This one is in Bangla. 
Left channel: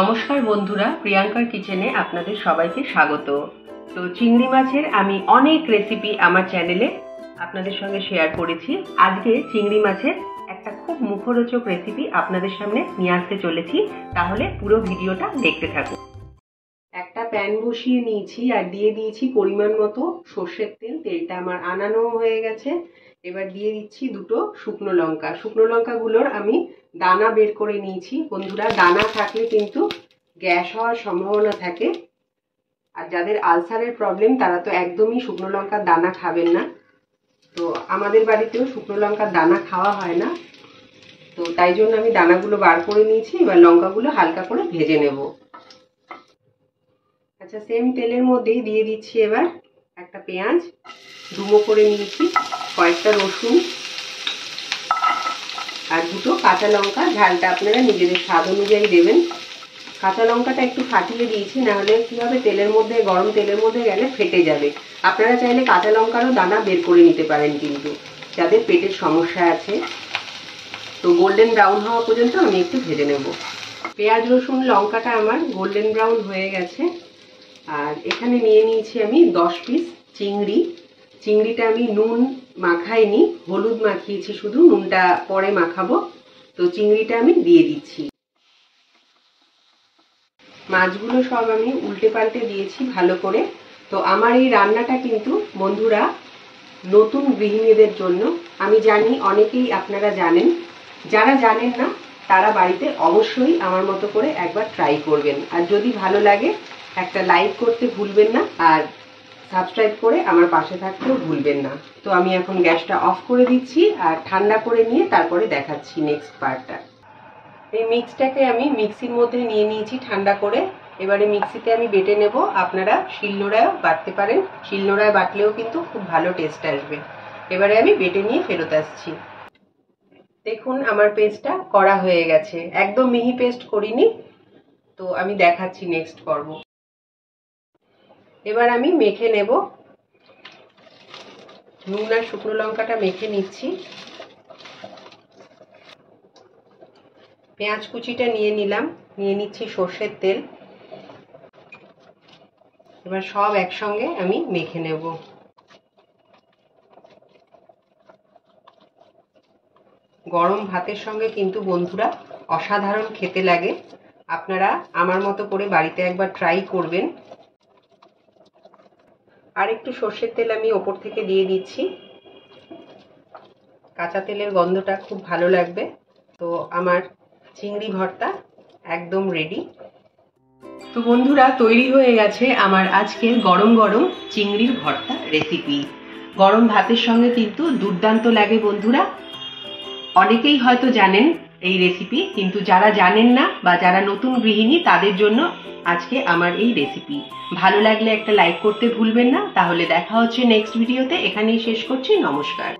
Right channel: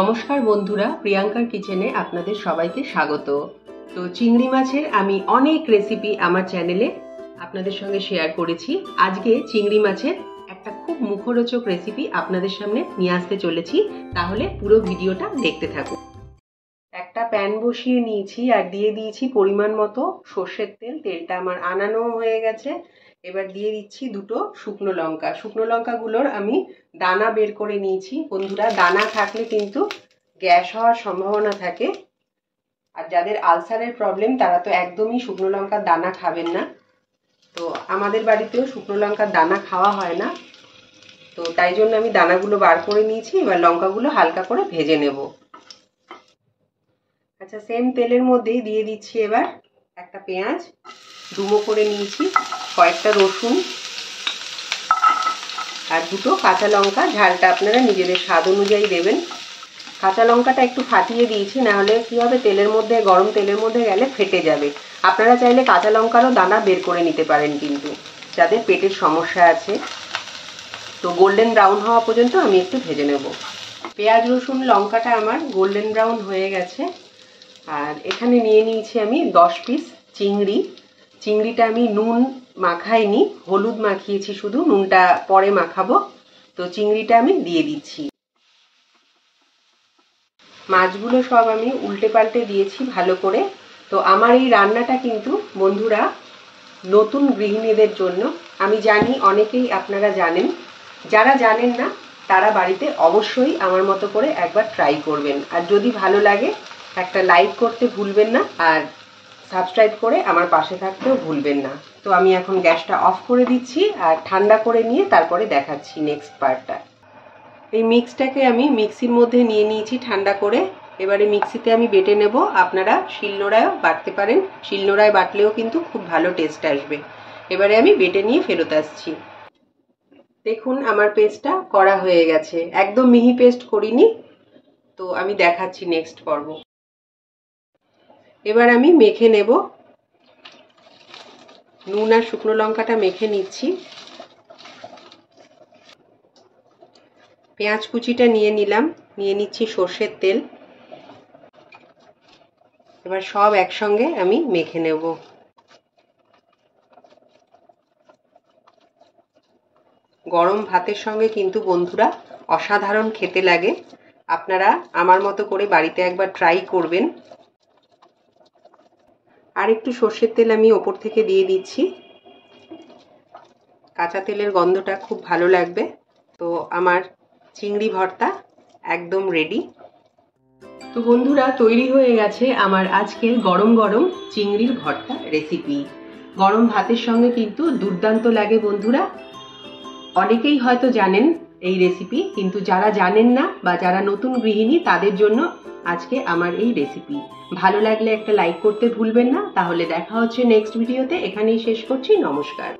নমস্কার বন্ধুরা, প্রিয়াঙ্কার কিচেনে আপনাদের সবাইকে স্বাগত। তো চিংড়ি মাছের আমি অনেক রেসিপি আমার চ্যানেলে আপনাদের সঙ্গে শেয়ার করেছি। আজকে চিংড়ি মাছের একটা খুব মুখরোচক রেসিপি আপনাদের সামনে নিয়ে আসতে চলেছি, তাহলে পুরো ভিডিওটা দেখতে থাকুন। একটা প্যান বসিয়ে নিয়েছি আর দিয়ে দিয়েছি পরিমাণ মতো সর্ষের তেল। তেলটা আমার আনানো হয়ে গেছে। এবার দিয়ে দিচ্ছি দুটো শুকনো লঙ্কা। শুকনো লঙ্কাগুলোর আমি দানা বের করে নিয়েছি। বন্ধুরা, দানা থাকলে কিন্তু গ্যাস হওয়ার সম্ভাবনা থাকে, আর যাদের আলসারের প্রবলেম তারা তো একদমই শুকনো লঙ্কার দানা খাবেন না। তো আমাদের বাড়িতেও শুকনো লঙ্কার দানা খাওয়া হয় না, তো তাই জন্য আমি দানাগুলো বার করে নিয়েছি। এবার লঙ্কাগুলো হালকা করে ভেজে নেব। আচ্ছা, সেম তেলের মধ্যেই দিয়ে দিচ্ছি এবার একটা পেঁয়াজ ডুমো করে নিয়েছি, কয়েকটা রসুন আর দুটো কাঁচা লঙ্কা। ঝালটা আপনারা নিজেদের স্বাদ অনুযায়ী দেবেন। কাঁচা লঙ্কাটা একটু ফাটিয়ে দিয়েছি, নাহলে কি হবে, তেলের মধ্যে, গরম তেলের মধ্যে গেলে ফেটে যাবে। আপনারা চাইলে কাঁচা লঙ্কারও দানা বের করে নিতে পারেন, কিন্তু যাদের পেটের সমস্যা আছে। তো গোল্ডেন ব্রাউন হওয়া পর্যন্ত আমি একটু ভেজে নেব। পেঁয়াজ রসুন লঙ্কাটা আমার গোল্ডেন ব্রাউন হয়ে গেছে। আর এখানে নিয়ে নিয়েছি আমি 10 পিস চিংড়ি। চিংড়িটা আমি নুন মাখাইনি, হলুদ মাখিয়েছি শুধু, নুনটা পরে মাখাবো। তো চিংড়িটা আমি দিয়ে দিচ্ছি। মাছগুলো সব আমি উল্টে পাল্টে দিয়েছি ভালো করে। তো আমার এই রান্নাটা কিন্তু বন্ধুরা নতুন গৃহিণীদের জন্য। আমি জানি অনেকেই আপনারা জানেন, যারা জানেন না তারা বাড়িতে অবশ্যই আমার মতো করে একবার ট্রাই করবেন। আর যদি ভালো লাগে একটা লাইক করতে ভুলবেন না, আর সাবস্ক্রাইব করে আমার পাশে থাকতেও ভুলবেন না। তো আমি এখন গ্যাসটা অফ করে দিচ্ছি আর ঠান্ডা করে নিয়ে তারপরে দেখাচ্ছি নেক্সট পার্টটা। এই মিক্সটাকে আমি মিক্সির মধ্যে নিয়ে নিয়েছি ঠান্ডা করে। এবারে মিক্সিতে আমি বেটে নেব। আপনারা শিলনোড়ায়ও বাটতে পারেন, শিলনোড়ায় বাটলেও কিন্তু খুব ভালো টেস্ট আসবে। এবারে আমি বেটে নিয়ে ফেরত আসছি। দেখুন, আমার পেস্টটা করা হয়ে গেছে। একদম মিহি পেস্ট করিনি। তো আমি দেখাচ্ছি নেক্সট পর্ব। এবার আমি মেখে নেব। নুন আর শুকনো লঙ্কাটা মেখে নিচ্ছি। পেঁয়াজ কুচিটা নিয়ে নিলাম, নিয়ে নিচ্ছি সর্ষের তেল। এবার সব একসঙ্গে আমি মেখে নেব। গরম ভাতের সঙ্গে কিন্তু বন্ধুরা অসাধারণ খেতে লাগে। আপনারা আমার মতো করে বাড়িতে একবার ট্রাই করবেন। আর একটু সর্ষের তেল আমি ওপর থেকে দিয়ে দিচ্ছি। কাঁচা তেলের গন্ধটা খুব ভালো লাগবে। তো আমার চিংড়ি ভর্তা একদম রেডি। তো বন্ধুরা, তৈরি হয়ে গেছে আমার আজকের গরম গরম চিংড়ির ভর্তা রেসিপি। গরম ভাতের সঙ্গে কিন্তু দুর্দান্ত লাগে বন্ধুরা। অনেকেই হয়তো জানেন এই রেসিপি, কিন্তু যারা জানেন না বা যারা নতুন গৃহিণী তাদের জন্য আজকে আমার এই রেসিপি। ভালো লাগলে একটা লাইক করতে ভুলবেন না। তাহলে দেখা হচ্ছে নেক্সট ভিডিওতে। এখানেই শেষ করছি। নমস্কার।